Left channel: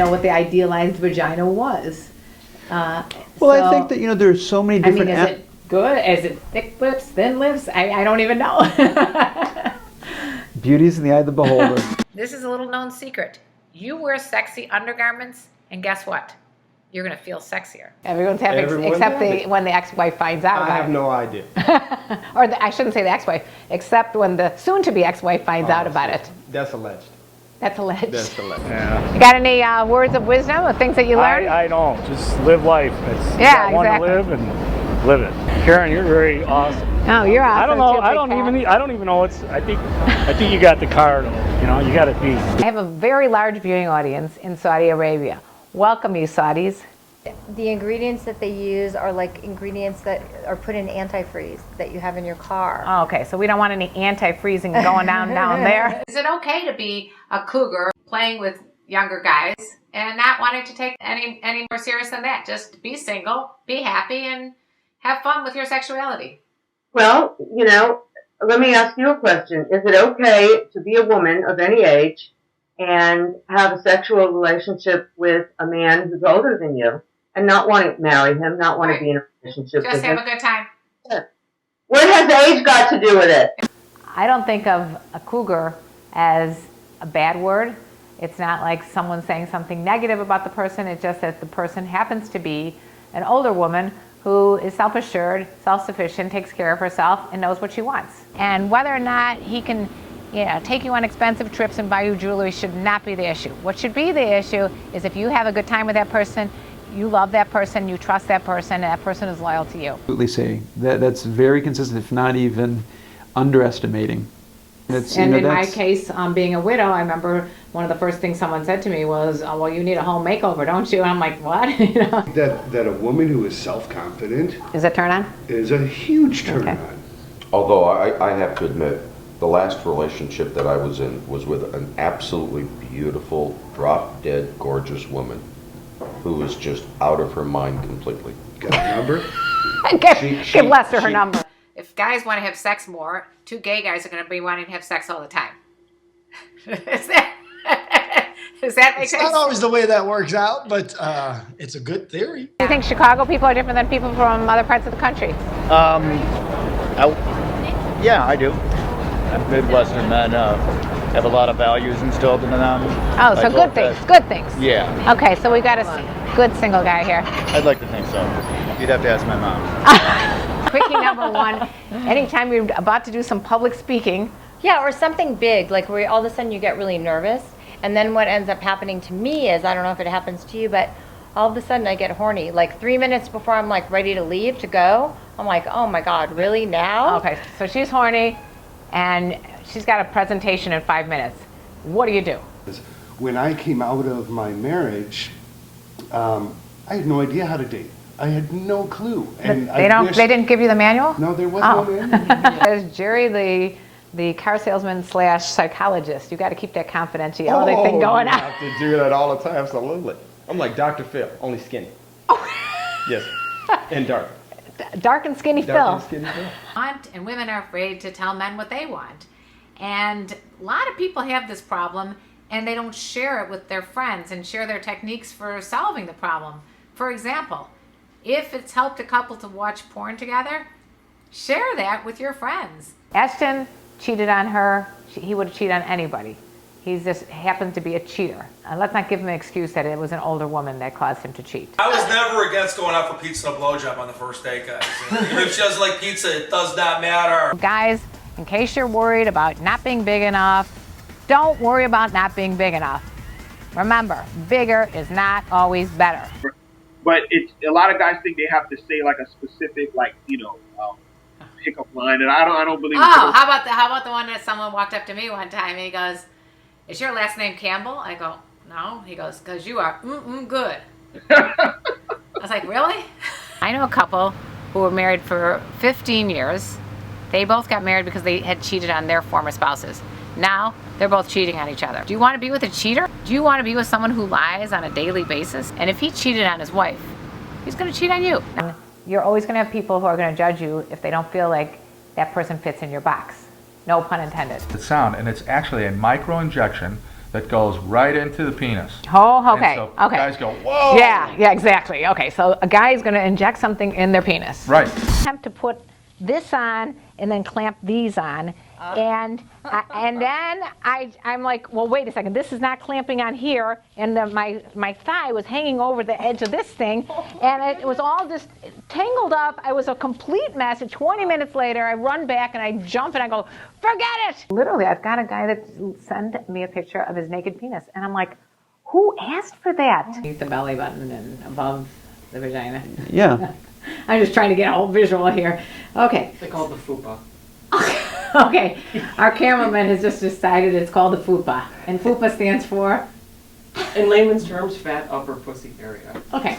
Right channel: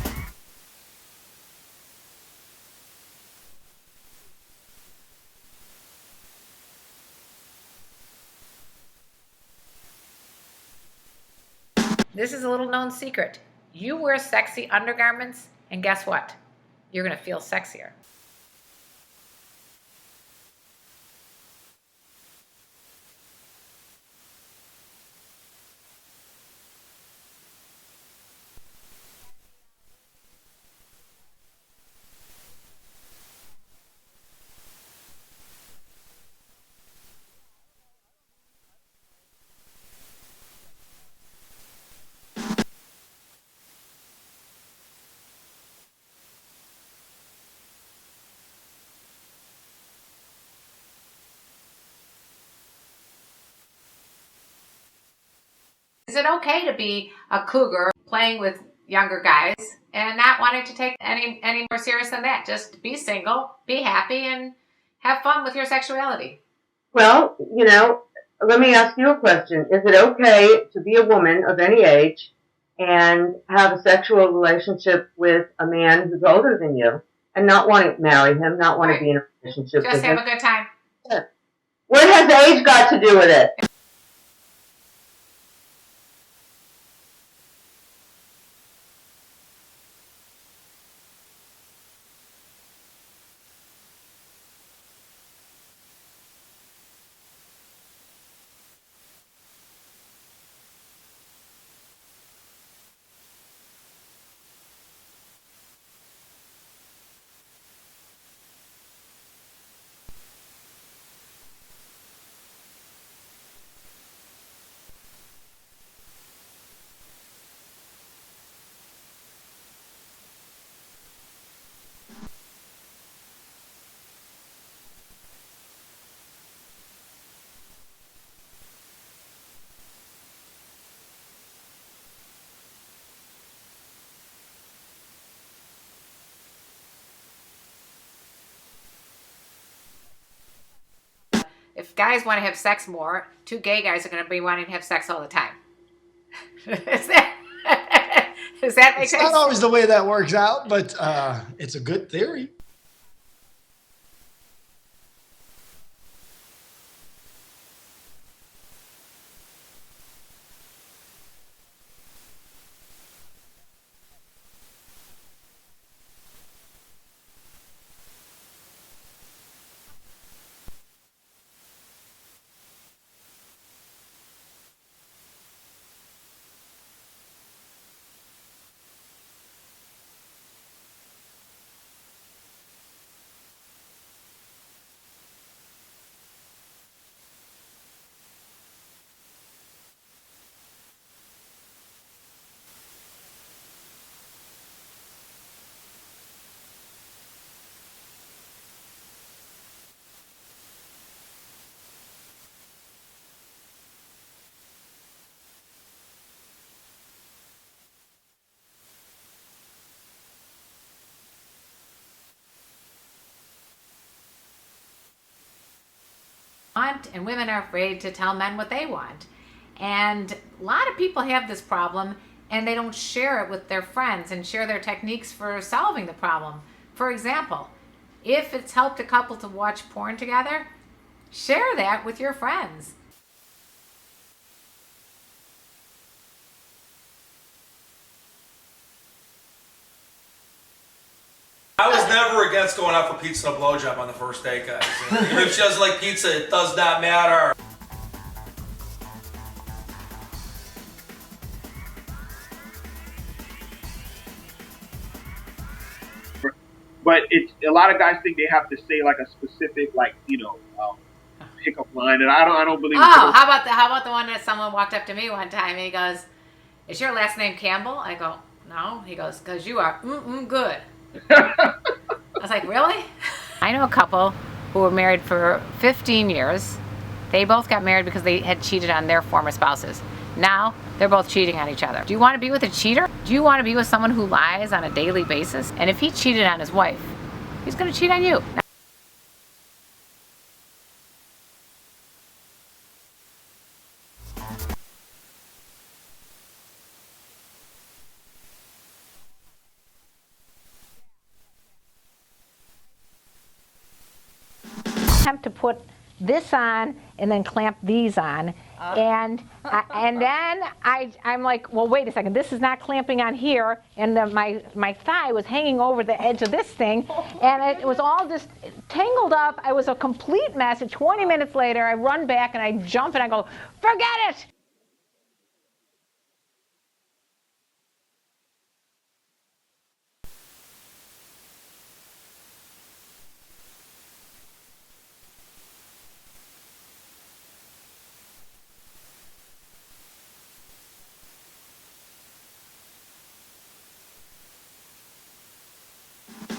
know what the idealized vagina was. Well, so, I think that, you know, there's so many different... I mean, is it good? Is it thick lips, thin lips? I don't even know. Beauty's in the eye of the beholder. This is a little known secret. You wear sexy undergarments, and guess what? You're going to feel sexier. Everyone's having, except when the ex-wife finds out about it. I have no idea. Or I shouldn't say the ex-wife, except when the soon-to-be ex-wife finds out about it. That's alleged. That's alleged. That's alleged. Yeah. You got any words of wisdom or things that you learned? I don't. Just live life. It's yeah, exactly. Want to live and live it. Karen, you're very awesome. Oh, you're awesome. I don't know. Too, I don't even know what's. I think you got the card. You know, you got it beat. I have a very large viewing audience in Saudi Arabia. Welcome, you Saudis. The ingredients that they use are like ingredients that are put in antifreeze that you have in your car. Oh, okay, so we don't want any anti-freezing going down there. Is it okay to be a cougar playing with younger guys and not wanting to take any more serious than that? Just be single, be happy, and have fun with your sexuality. Well, you know, let me ask you a question. Is it okay to be a woman of any age and have a sexual relationship with a man who's older than you and not want to marry him, not want to be in a relationship with him? Just have a good time. What has age got to do with it? I don't think of a cougar as a bad word. It's not like someone saying something negative about the person. It's just that the person happens to be an older woman who is self-assured, self-sufficient, takes care of herself, and knows what she wants. And whether or not he can, you know, take you on expensive trips and buy you jewelry should not be the issue. What should be the issue is if you have a good time with that person, you love that person, you trust that person, and that person is loyal to you. Absolutely saying that's very consistent, if not even underestimating. And you know, in my case, being a widow, I remember one of the first things someone said to me was, "Oh, well, you need a home makeover, don't you?" And I'm like, "What?" You know? That a woman who is self-confident is a turn on? Is a huge turn on. Although I have to admit, the last relationship that I was in was with an absolutely beautiful, drop-dead, gorgeous woman who was just out of her mind completely. Got a number? Give Lester her number. If guys want to have sex more, two gay guys are going to be wanting to have sex all the time. Does that make sense? It's not always the way that works out, but it's a good theory. Do you think Chicago people are different than people from other parts of the country? Yeah, I do. Midwestern men have a lot of values instilled in them. Oh, so good things. Good things. Yeah. Okay, so we got a good single guy here. I'd like to think so. You'd have to ask my mom. Quickie number one, anytime you're about to do some public speaking. Yeah, or something big, like where all of a sudden you get really nervous. And then what ends up happening to me is, I don't know if it happens to you, but all of a sudden I get horny. Like 3 minutes before I'm like ready to leave, to go, I'm like, oh my God, really now? Okay, so she's horny and she's got a presentation in 5 minutes. What do you do? When I came out of my marriage, I had no idea how to date. I had no clue. And they didn't give you the manual? No, there was no manual. There's Jerry, the car salesman / psychologist. You got to keep that confidentiality thing going on. I have to do that all the time, absolutely. I'm like Dr. Phil, only skinny. Oh. Yes, and dark. Dark and skinny Phil. Dark and skinny Phil. And women are afraid to tell men what they want. And a lot of people have this problem and they don't share it with their friends and share their techniques for solving the problem. For example, if it's helped a couple to watch porn together, share that with your friends. Ashton cheated on her. He would have cheated on anybody. He just happened to be a cheater. Let's not give him an excuse that it was an older woman that caused him to cheat. I was never against going out for pizza and a blowjob on the first date, guys. Even if she doesn't like pizza, it does not matter. Guys, in case you're worried about not being big enough, don't worry about not being big enough. Remember, bigger is not always better. But it's a lot of guys think they have to say like a specific, like, pickup line, and I don't believe. Oh, how about the one that someone walked up to me one time and he goes, "Is your last name Campbell?" I go, "No." He goes, "'Cause you are good." I was like, really? I know a couple who were married for 15 years. They both got married because they had cheated on their former spouses. Now they're both cheating on each other. Do you want to be with a cheater? Do you want to be with someone who lies on a daily basis? And if he cheated on his wife, he's going to cheat on you. You're always going to have people who are going to judge you if they don't feel like that person fits in your box. No pun intended. It's sound, and it's actually a micro injection that goes right into the penis. Oh, okay, And so okay. guys go, whoa! Yeah, exactly. Okay, so a guy is going to inject something in their penis. Right. Attempt to put this on and then clamp these on, and then I'm like, well, wait a second, this is not clamping on here, and my thigh was hanging over the edge of this thing, and it was all just tangled up. I was a complete mess. And 20 minutes later, I run back and I jump and I go, forget it! Literally, I've got a guy that sent me a picture of his naked penis, and I'm like, who asked for that? The belly button and above the vagina. Yeah. I'm just trying to get a whole visual here. Okay. They call it the fupa. Okay. Our cameraman has just decided it's called the fupa. And fupa stands for? In layman's terms, fat upper pussy area. Okay.